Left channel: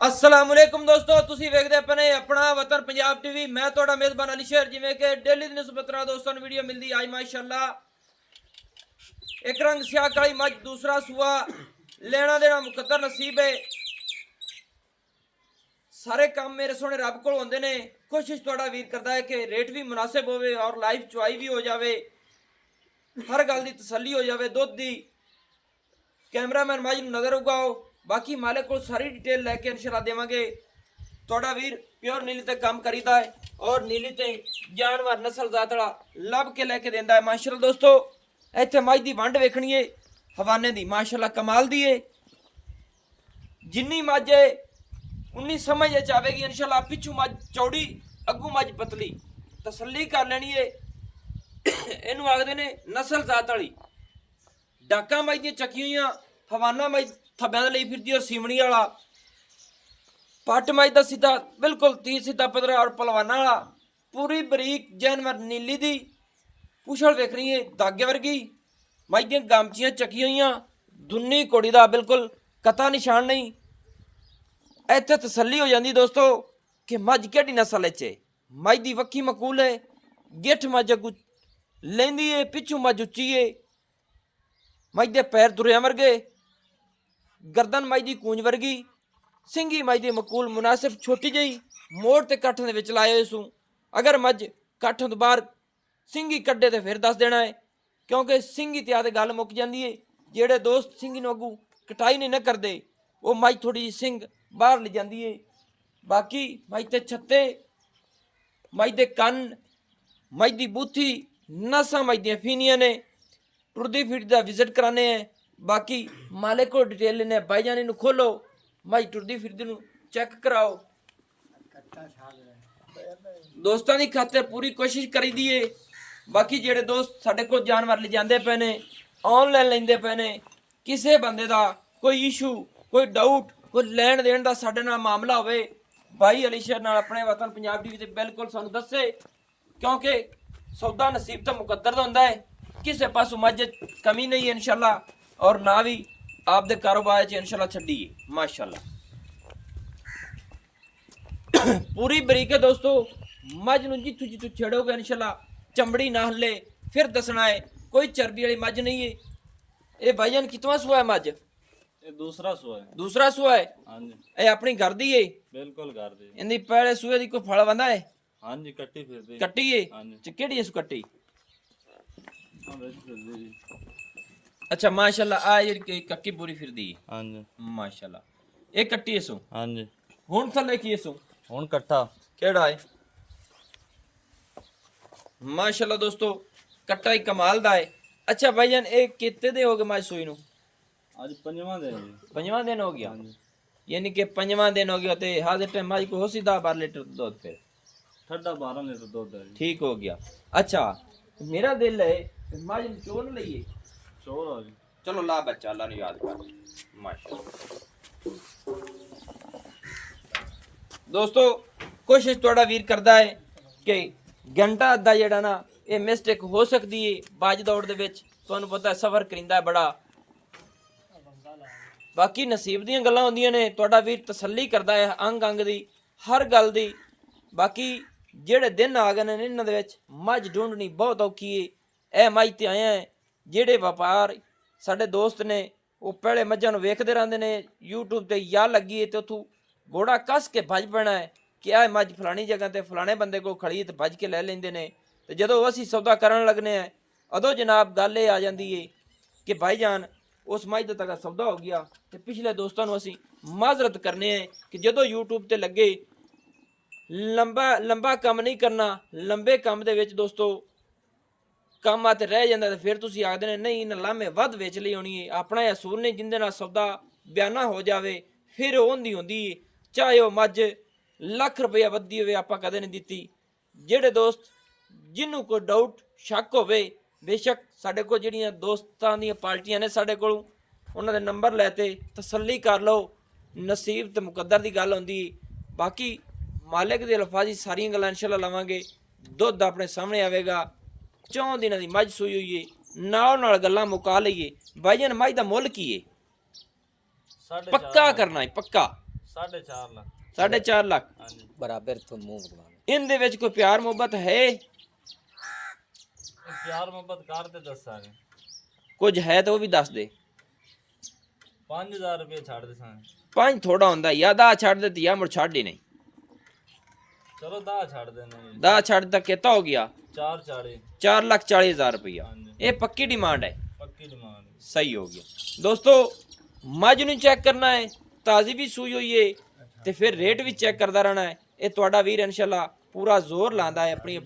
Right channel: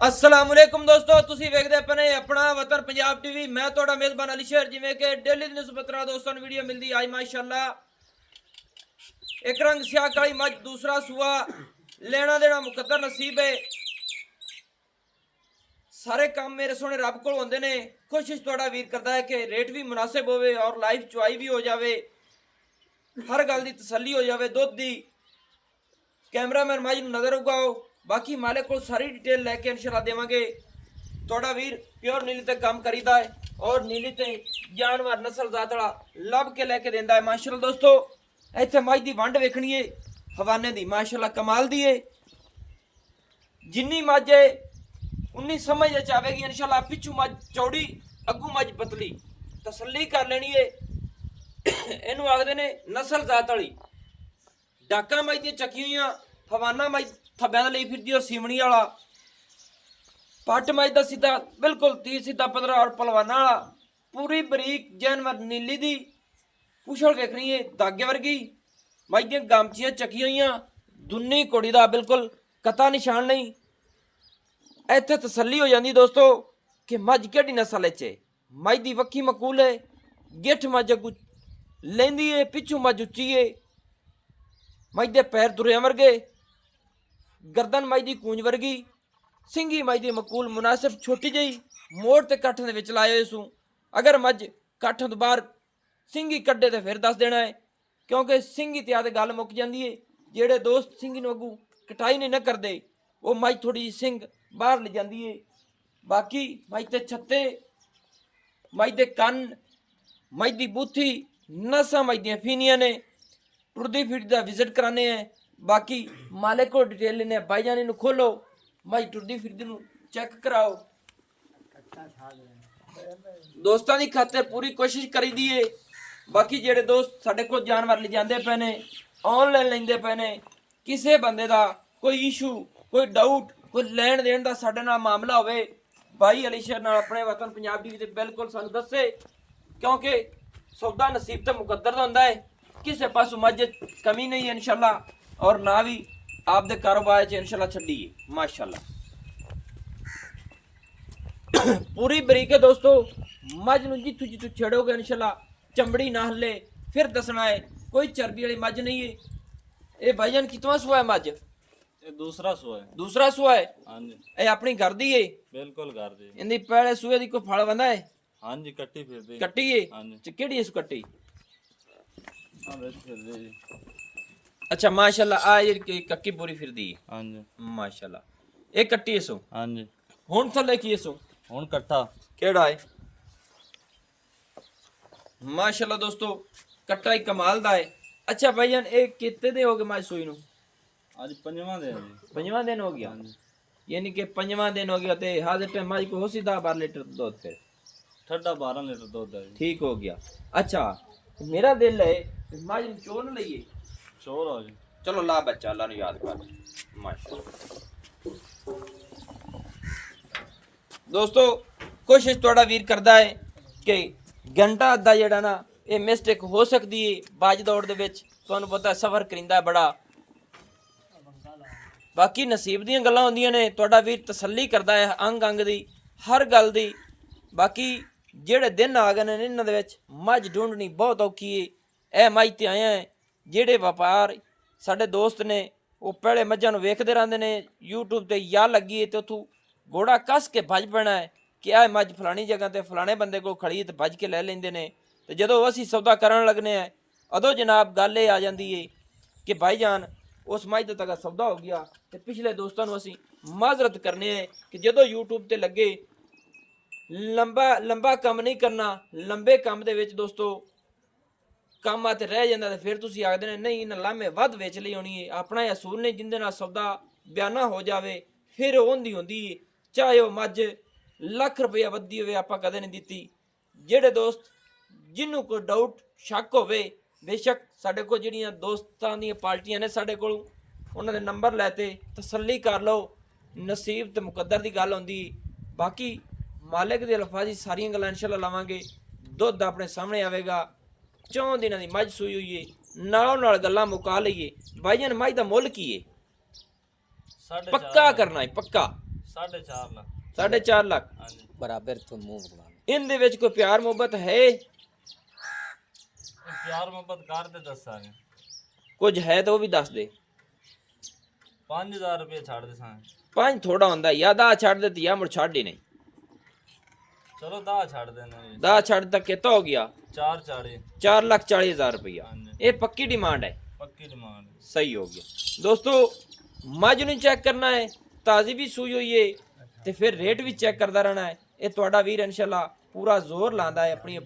अस्सलामुअलैकुम दोस्तों, तुसी वेखदे अपने अपना वतन पंजाब टीवी। मैं थोड़ा मेजबान अली शेर। जिमें कि डेली दी निस्बत दोस्तों वीडियो मिलती आज माशाल्लाह एक रंग स्याह काली मज दूसरा सुआ लेना देना मुकद्दर नसीब है। सारे काम मेरे सोने रब को होंदे ने। कोशिश थोड़ा वीर करता है कि रेट भी मुनासिब होवे और लाइफ चुआई भी हो जावे, हर गल दी तसल्ली हो जावे। दुध दी कैमरामैन मज नजर उगाओ, बाकी मालिक को सारी डिटेल लैके इंशाल्लाह देवांगे। थोड़ा वीर प्योर नीली ते काम करीदा है और नीली ते जानवर नस्ल जात वाला लभ के लैके देंदा है माशाल्लाह। दोस्तों इत्थे मज दी वंड वेखनी है हवाने दी माशाल्लाह कमाल दी है। जिन्नी मज है उन्नी समझ आवेगी इंशाल्लाह। पिछू मज चौड़ी अगू मज पतली, तसल्ली कर लेनी है। इनू आखदे ने नस्ल जात वाली। डाका मज दी चकी हुई हवाना मज थब्बे लई फिरदी और सीमणी वाला पट मज दा सीधा बिल्कुल 30 सीधा पदर और पलवाना वाला पूरी बरीक जानवर नीली दी पुछड़ वेखनी है धागे वर्गी। मज दी गामचियां चकी हुई दुन्नी कुड़ी दा बिल्कुल कता निशान नहीं। इत्थे तसल्ली हो जाती दोस्तों कि मज केड़ी नस्ल है। मज दी वक्की मकूल है, गिठ मज अगू लेंदी है, पिछू मज उच्ची है। मज दे पैर दुरिया वर्गे, गर्दन मज दी कूंज वर्गी, सिंगी मज दी मकूल मुनासिब छोटी जी मोड़ ते कट्ठ दे विच लाए सू। अगर मज कट्ठ तो बाहर सिंगी कड्डे तो फिर दस देना है, क्योंकि सिंगी ते आदे गल मुक जाती है। जेड़े दोस्त सिंगी नूं अगू कटाई नहीं न करते वो मज थोड़ी जी सिंग बाहर ले जाती है। बाकी मज ते छत्ते, मज दे कन, मज दी बूथी नसां मज दियां फीनियां ने। टुरदी फिरदी दा विजिट कराने हैं। बाकी मालिक को डिटेल लेने भाईजान इनू खोलो मज टुरदी फिरदी नू चेक कराओ। दोस्तों की खातिर पूरी कोशिश करी दी है। बाकी जेड़े दोस्त साडे को जानवर ले जाते पे ने, ऑनलाइन लेंदे पे ने, किसी बंदे का कोई इशू कोई डाउट कोई लैन देन का साडे नाल मामला होवे, भाई अली शेर नाल अपने वतन पंजाब टीवी ते बिल्कुल सानू दसे, क्योंकि सौदा नसीब तो मुकद्दर दा हुंदा है। किसी पासों मज कमी नहीं है इंशाल्लाह, और ना भी आपदे कारोबार च इंशाल्लाह छड्डी है माशाल्लाह। पूरी बरीक है दोस्तों। मज नूं जिथों जिथों छेड़ोगे इंशाल्लाह चमड़ी ना हले फिर दसना है। कोई चर्बी वाली मज नहीं है। ये भाईजान कितवा सुआ है मज? ये दूसरा सुआ है। दूसरा सुआ है। हाँ जी, ये अपनी घर दी है? बिल्कुल घर दी। इंदी पहले सुए दी कोई फल बंदा है? हाँ जी, कट्टी फिरदी। कट्टी है? हाँ जी, केड़ी है सु कट्टी? हाँ बिच फिरदी जी। अच्छा माशाल्लाह आ जेड़ी कक्की पूरी फिरदी है हाँ जी, माशाल्लाह। ये कट्टी है सु हाँ जी। हुण थल्ले की है सु हुण कट्ठा केड़ा है? माशाल्लाह दोस्तों कट्टा ही कमाल दा है। अच्छा भाईजान ये कितने दिन हो गए मज सूई नूं? आज पंजवां दिन है जी। पंजवां दिन हो गया? हाँ जी, यानी कि पंजवां दिन हो गया ते हाजिर टाइम मज को हो सी 10-12 लीटर दूध फिर ठंडा 12 लीटर दूध है जी। ठीक हो गया। अच्छा मेरा दिल है मज नूं चो न लईए। शोर हो जी। चलो ला बच्चा अल्लाह नूं याद कर माशाल्लाह। दोस्तों कोशिश थोड़ा वीर करता है कि घंटा अद्धा जेड़ा ना ये मिस्टेक हो सकती है बाज दौड़ दे विच। तुहानूं पता है सफर करिंदा है बड़ा, बाकी नसीब दीयां गल्लां होंदियां ने। तुहाडा वीर तसल्ली करदा है अंग अंग दी हर गल दी। बाकी जेड़े दिन आ गए ने इन्हां दे विच मझ ढूंढनी बहुत औखी है। ए मझ ते आए हैं जेड़े व्यापार साडे दोस्त ने वो पहले मझां नूं वेखदे रहिंदे ने यूट्यूब ते या लगी है ते उथों घोड़ा कस के भज पैना है कि आ मझ फलानी जगह ते फलाने बंदे को खड़ी ते भज के लै लैंदे ने। ते जदों असीं सौदा करन लगने हैं अदों जनाब गल ये आ जाती है कि भाईजान उस मझ दा तक सौदा हो गया। ते पिछले दोस्तों नूं असीं माजरत करने हैं कि जदों यूट्यूब ते लगे लंबा लंबा काम नहीं करना। लंबे काम दे विच दोस्तों काम आते रह जाता तो फिर तुसीं आखदे ने नहीं इन्हें लामे वध वेच ली होनी है। अपना यह असूल ने जिंदे नाल सौदा बयाना हो जावे फिर होंदी होंदी चाहे वह मझ लख रुपया वधी होवे आपां कदे नहीं दित्ती। जेड़े दोस्त जिन्हों कोई डाउट शक होवे बेशक साडे कोल जिहड़ियां दोस्तां दीयां पार्टियां ने साडे कोल उन्हां दे नंबर लैते तसल्ली कर लो। नसीब ते मुकद्दर दी गल होंदी। बाकी मालिक दे अल्फाजी सारियां गल्लां इंशाल्लाह लावांगे। दुध अपने सामने आवेगा। 4 दिनों की मझ सूई हुई है नाल गल्लां मुका लईए। भाईजान मझ दा मुल की है? 4.5 पक्का करना है पक्का 4.5 ਲੱਖ 4.5 ਲੱਖ ਹਾਂਜੀ ਬਰਾਬਰ ਤੋਂ ਮੂੰਹ ਬਗਵਾ ਇਹਦੇ ਵਿੱਚ ਕੋਈ ਪਿਆਰ ਮੁਹੱਬਤ ਹੈ? ਪਿਆਰ ਮੁਹੱਬਤ ਕਰਦੇ ਦੱਸਾਂਗੇ ਕੁਝ ਹੈ ਤਾਂ ਉਹ ਵੀ ਦੱਸ ਦੇ। 5000 ਰੁਪਏ ਛੱਡ ਦੇ ਸਾਂ ਪੰਜ ਥੋੜਾ ਹੁੰਦਾ ਯਾ ਦਾ ਛੱਡ ਦਿੱਤੀ ਜਾਂ ਮੁੜ ਛੱਡ ਹੀ ਨਹੀਂ। ਚਲੋ 10 ਛੱਡ ਦੇਣੇ ਦਾ ਛੱਡ ਤੱਕ ਕਿਤਾ ਹੋ ਗਿਆ 440 4,40,000 ਰੁਪਇਆ। ਹਾਂਜੀ ਇਹ ਪੱਕੀ ਡਿਮਾਂਡ ਹੈ। ਪੱਕੀ ਡਿਮਾਂਡ सही हो गया दोस्तों। मझ नहीं चेक करना है, ताज़ी भी सूई हुई है तो फिर रेट भी चेक करता रहना है। ये थोड़ा वीर इंशाल्लाह पूरा जोर लाता है अपनी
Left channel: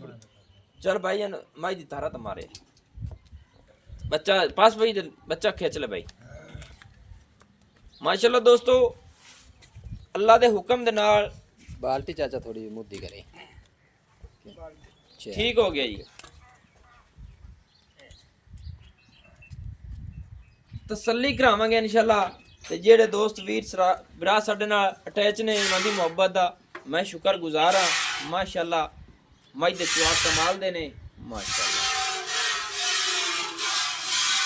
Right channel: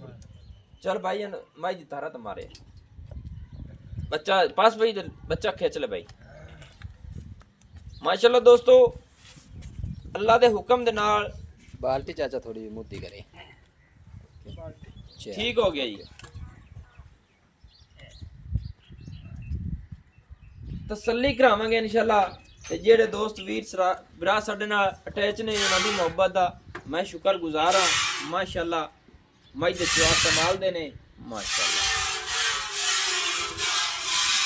चल भाई मझ दी तारा तो मारे बच्चा पास भाई बच्चा खिंच ले भाई माशाल्लाह दोस्तों। अल्लाह के हुक्म दे नाल बाल्टी चाचा थोड़ी मुद्दी करे ठीक हो गया जी। तसल्ली करावांगे इंशाल्लाह ते जेड़े दोस्त वीर भरा साडे नाल अटैच ने उन्हां दी मुहब्बत दा मैं शुक्रगुजार हां। माशाल्लाह मज दे जवाब कमाल दे ने माशाल्लाह।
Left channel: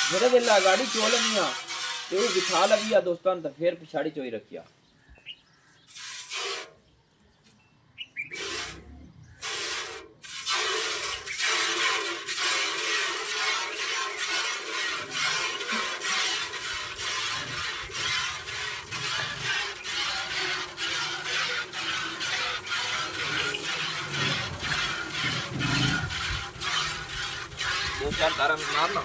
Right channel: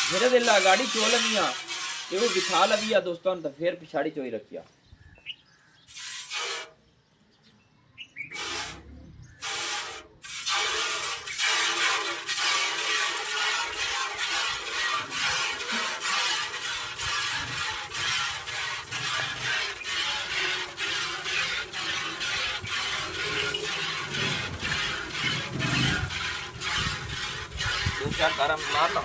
जेड़े वेला गाड़ी चो लगियां ते ओह दिखा लगिया दोस्तां ते फिर पिछाड़ी चोई रखिया। दो चार तारा मार लो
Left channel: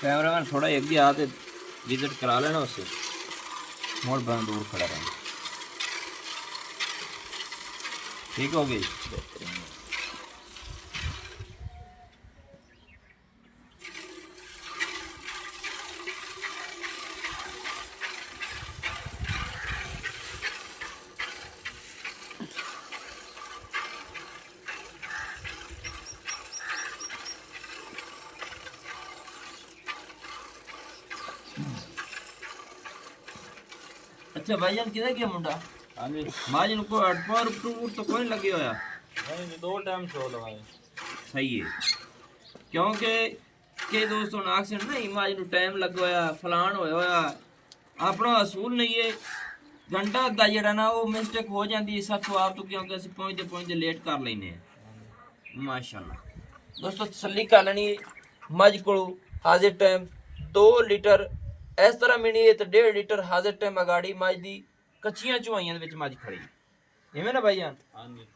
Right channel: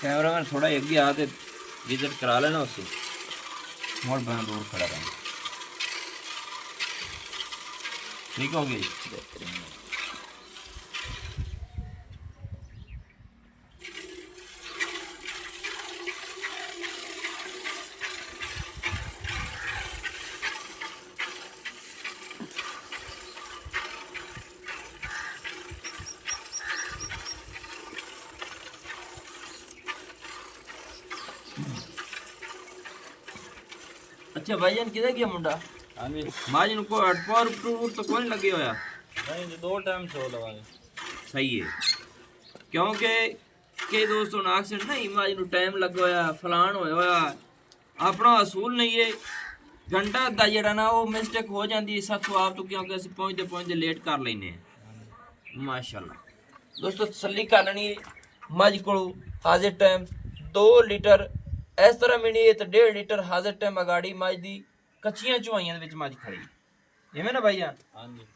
कैमरामैन थोड़ा अगे आ ते विजिट करा लेना उससे मोड़ बना दूर खड़ा रहना। ठीक हो गई। अच्छा भाईजान किधर गया मुंडा? ਹਾਂਜੀ माज को अटपार तो कोई नहीं लगे होया। नहीं 2 टाइम चो लगाए सही है क्योंकि कई दोस्तों ने अक्सर नहीं माज ਨੂੰ टाइम ਲੱਗਾ ਹੋਇਆ ਫਲਾਣ ਹੋਇਆ ਹੋਇਆ ਆਪਣਾ ਅਸੂਲ ਨਹੀਂ ਹੈ। ਘੰਟਾ ਦਾ ਜਿਹੜਾ ਨਾ ਉਹ ਮਿਸਟੇਕ ਹੋ ਜਾਂਦੀ ਹੈ ਸਾਥੋਂ ਆਪ ਤੋਂ ਕਿਉਂਕਿ ਅਸੀਂ ਪਹੁੰਚਦੇ ਲੇਟ ਕਰ ਲੈਨੇ ਆ। ਮਾਸ਼ਾਅੱਲਾ ਦੋਸਤੋ ਤਸੱਲੀ ਕਰ ਲੈਣੀ ਮੱਝ ਕੋਲ ਹਾਜ਼ਰ ਟਾਈਮ 2 ਲੀਟਰ ਇਸ ਤਰ੍ਹਾਂ ਮਿਣੀ ਤੇ 1.5 ਲੀਟਰ ਹਾਜ਼ਰ ਟਾਈਮ ਅਗਾੜੀ ਮੱਝ ਦੀ ਕੱਚੀਆਂ ਚੁਆਈਆਂ ਦੇ ਵਿੱਚ ਮੱਝ ਖੜੀ ਐਵੇਂ ਨਾ ਭਾਈ ਜਾਨ। ਹਾਂਜੀ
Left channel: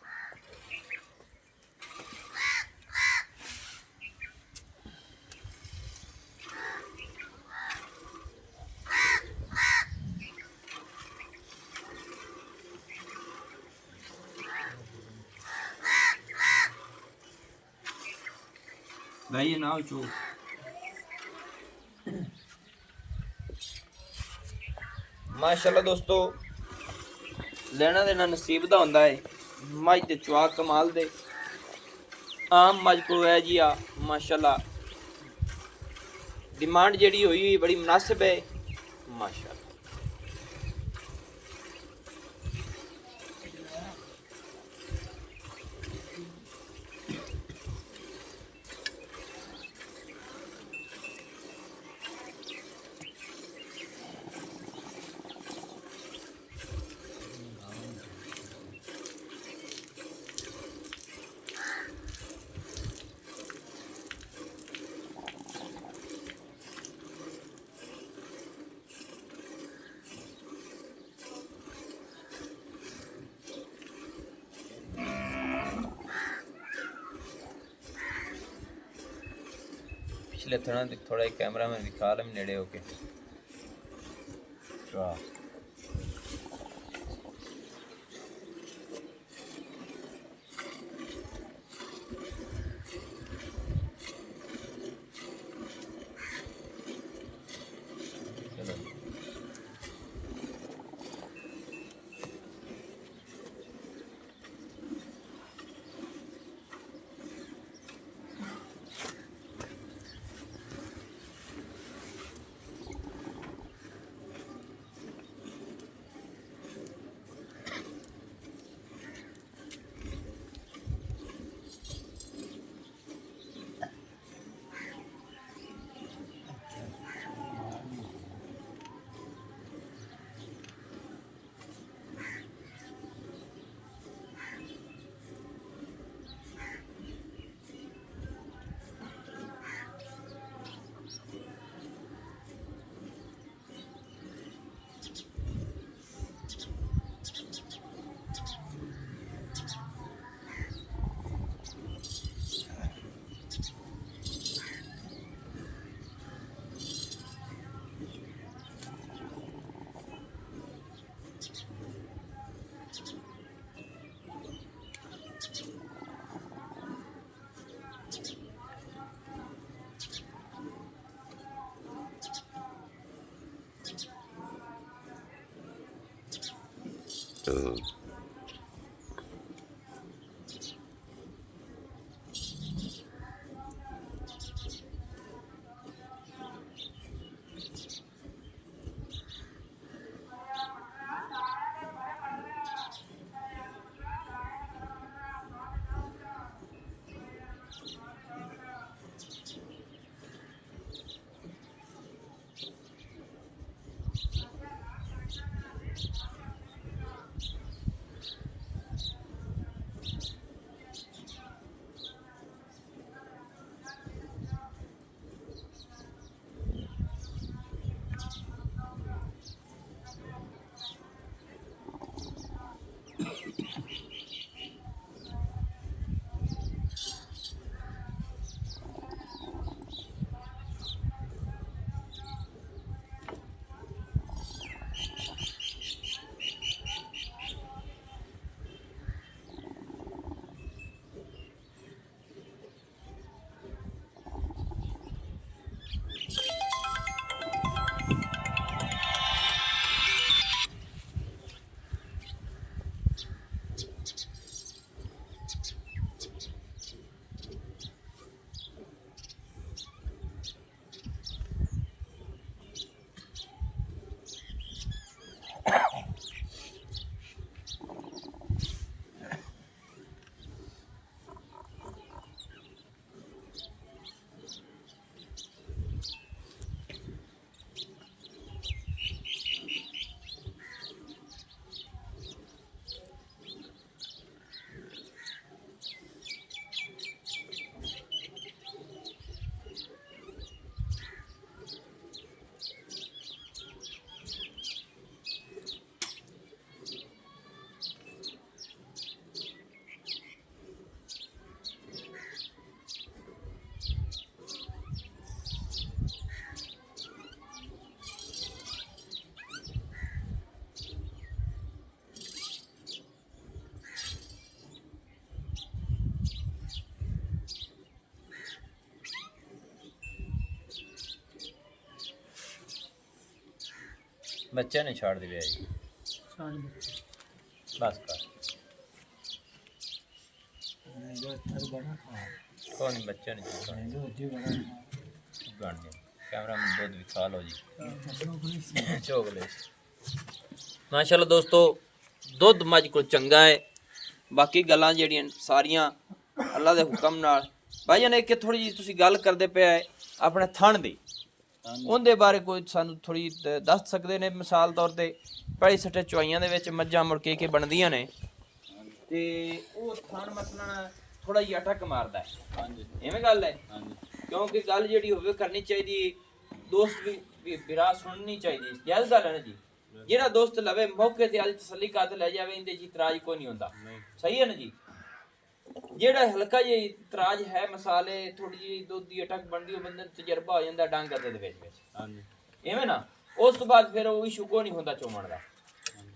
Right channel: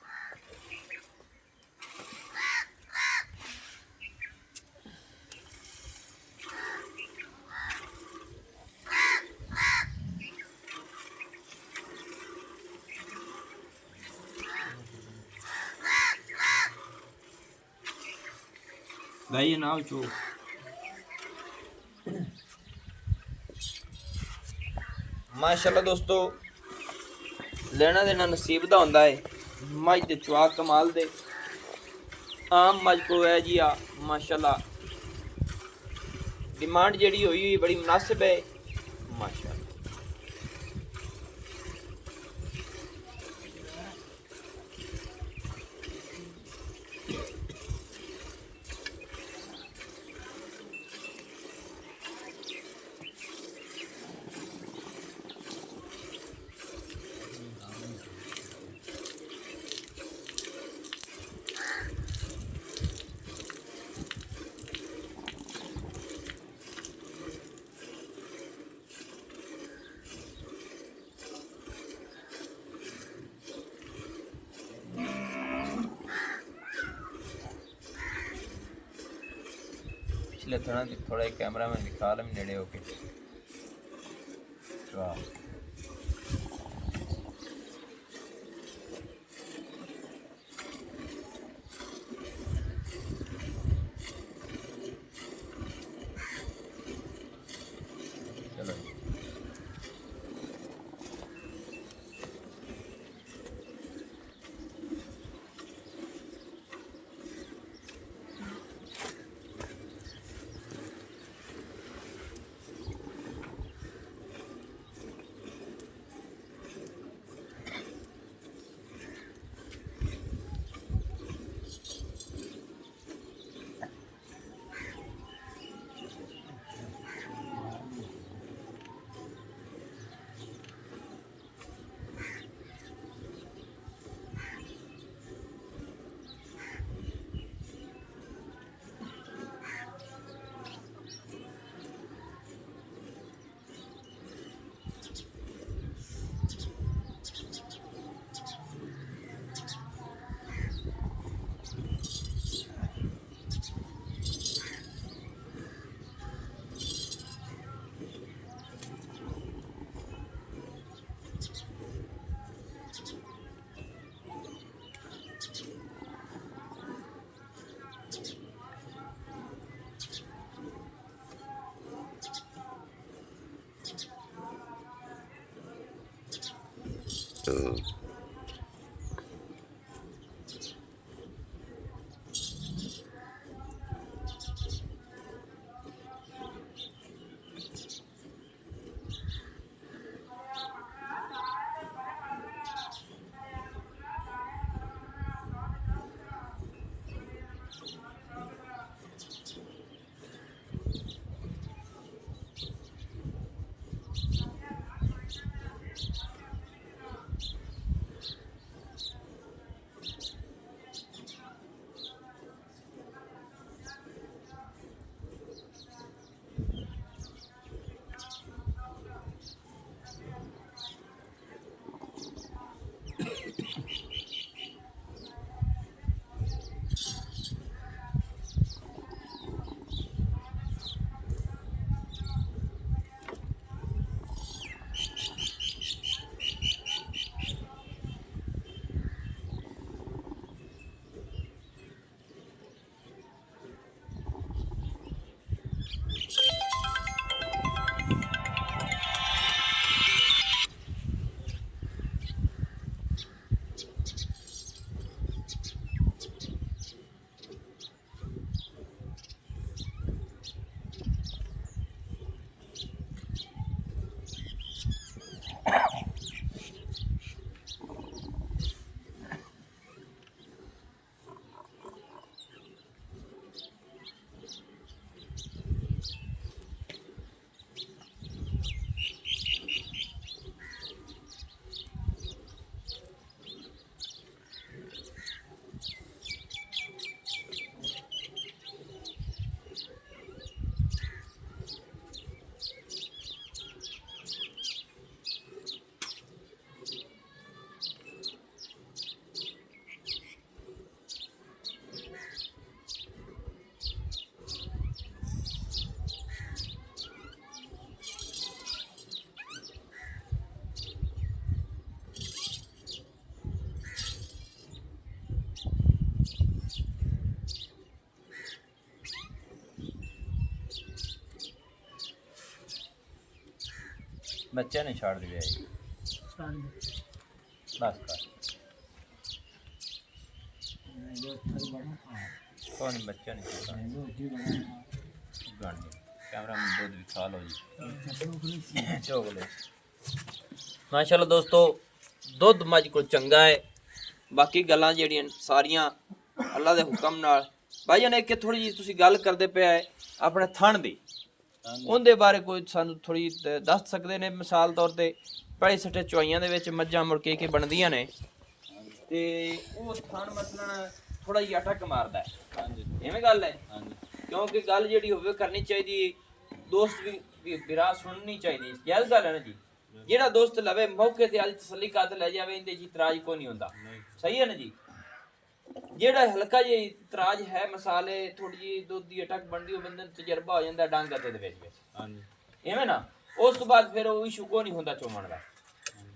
भाई ना चो माशाल्लाह दोस्तों लेना देना नसीब दा हुंदा है। मझ दे चुआ कमाल दे आम मझ को है जी आ माशाल्लाह डिमांड जेड़ी हुई बड़ी मुनासिब है माशाल्लाह। पिछले थोड़ा कैमरा में दिखा लें नेड़े होके वाह चलो बच्चे नहीं छोड़ दिए बस कर कौन बच्चे नहीं छोड़ कैमरा में दूध भी खा लो जी चोकलेट ਮਾਸ਼ਾਅੱਲਾ ਦੋਸਤੋ ਦੁੱਧ ਮੱਝ ਕੋਲ ਚੰਗਾ ਹੈ ਬਾਕੀ ਗੱਲਾਂ ਜਿਹੜੀਆਂ ਸਾਰੀਆਂ ਅੱਲਾ ਦੇ ਹੁਕਮ ਨਾਲ ਭਾਈ ਜਾਨ ਇੱਕ ਥੋੜੀ ਜਿਹੀ ਤੁਸੀਂ ਗੱਲ ਕਰਦੇ ਪਿਆ ਹੈ ਆਪਣੇ ਥਣ ਦੀ ਉਹਦੇ ਬਾਰੇ ਕੋਈ ਸਾਨੂੰ ਥੋੜੀ ਦੱਸ ਸਕਦੇ ਨੇ ਮਿਸਾਲ ਤੌਰ ਤੇ ਪਹਿਲੀ ਸੱਟੇ ਚੁਆਈਆਂ ਦੇ ਵਿੱਚ ਮੱਝਾਂ ਮੁਰਕੇ ਕੇ ਬਣਦੀਆਂ ਨੇ ਤੇ ਉਹ ਥਣ ਮਸਲਨ ਥੋੜਾ ਜਿਹਾ ਅਟਕ ਮਾਰਦਾ ਹੈ ਹਾਂਜੀ ਐਵੇਂ ਗੱਲ ਹੈ ਹਾਂਜੀ ਕਿਉਂਕਿ ਗੱਲ ਜਿਹੜੀ ਹੋਵੇ ਕਰਨੀ ਚਾਹੀਦੀ ਦੋਸਤ ਵੀ ਬਿਰਾ ਸੁਣਨੀ ਚਾਹੀਦੀ ਜਾਇਜ਼ ਗੱਲ ਹੈ ਨਾ ਜੀ ਜਿਹੜਾ ਦੋਸਤ ਲਵੇ ਮੌਕੇ ਤੇ ਅੱਜ ਤਸੱਲੀ ਕਰ ਲੈ ਜਾਵੇ ਇਹਦੇ ਜੀ ਇਤਰਾਜ਼ ਕੋਈ ਨਹੀਂ ਹੁੰਦਾ ਸਹੀ ਹੈ ਨਾ ਜੀ ਜਿਹੜਾ ਹਲਕਾ ਜਿਹਾ ਇਤਰਾਜ਼ ਹੈ ਮਸਾਲੇ ਥੋੜੀ ਜਿਹੀ ਦੁੱਧ ਦੀ ਅਟਕ ਬਣਦੀ ਉਹ ਬੰਦੇ ਨੂੰ ਤਜਰਬਾ ਹੋ ਜਾਂਦਾ ਡੰਗ ਅਤੇ ਦੇ ਵਿੱਚ ਹਾਂਜੀ ਐਵੇਂ ਨਾ ਉਸ ਤੋਂ ਬਾਅਦ ਫਿਰ ਉਹ ਇਸ਼ੂ ਕੋਈ ਨਹੀਂ ਹੁੰਦਾ ਚੋਮਣ ਦਾ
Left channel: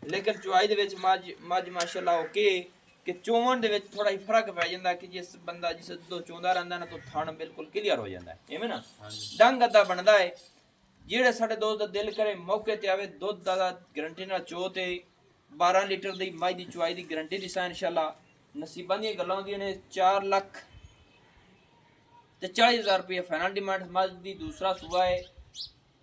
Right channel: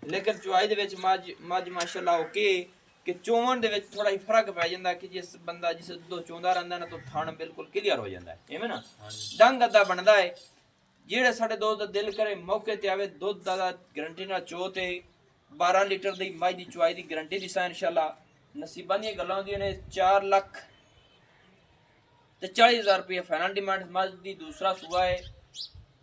ਲੇਕਿਨ ਚੁਆਈ ਦੇ ਵਿੱਚ ਮੱਝ ਮਾਸ਼ਾਅੱਲਾ ਓਕੇ ਕਿ ਚੋਮਣ ਦੇ ਵਿੱਚ ਥੋੜਾ ਜਿਹਾ ਫਰਕ ਪੈ ਜਾਂਦਾ ਕਿ ਜਿਸ ਬੰਦਾ ਜਿਸ ਦੁੱਧ ਚੋਂਦਾ ਰਹਿੰਦਾ ਨਾ ਤਾਂ ਥਣ ਬਿਲਕੁਲ ਕਲੀਅਰ ਹੋ ਜਾਂਦਾ ਐਵੇਂ ਨਾ ਡੰਗ ਅੱਧਾ ਬਣਦਾ ਹੈ ਜਿਹੜੇ ਸਾਡੇ ਦੋਸਤ ਦਾ ਦਿਲ ਕਰੇ ਮੌਕੇ ਤੇ ਆਵੇ ਦੁੱਧ ਦਾ ਗਰੰਟੀ ਨਾਲ ਚੋ ਤੇ 12 ਲੀਟਰ ਦੀ ਮੱਝ ਦੀ ਚੁਆਈ ਦੀ ਗਰੰਟੀ ਦੀ ਸਾ ਇਨਸ਼ਾਅੱਲਾ ਨਸੀਬਾਂ ਦੀਆਂ ਗੱਲਾਂ ਹੁੰਦੀਆਂ ਨੇ 4 ਲੱਖ ਤੇ 40,000 ਰੁਪਏ ਫਾਈਨਲ ਡਿਮਾਂਡ ਮੱਝ ਦੀ ਦੂਸਰਾ ਸੂਆ ਹੈ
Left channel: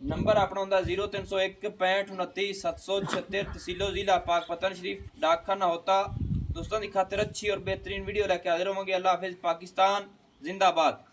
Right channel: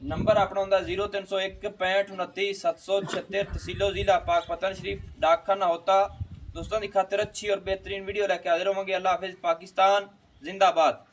ਨੰਬਰ ਆਪਣਾ ਹੁੰਦਾ 0301 65 29 776 तहसीलो जिला पाक पतन शरीफ डाकखाना होता दोस्तों की खातिर अच्छी और बेहतरीन वीडियो लेके हाजिर होंगे अल्लाह हाफिज पाकिस्तान जिंदाबाद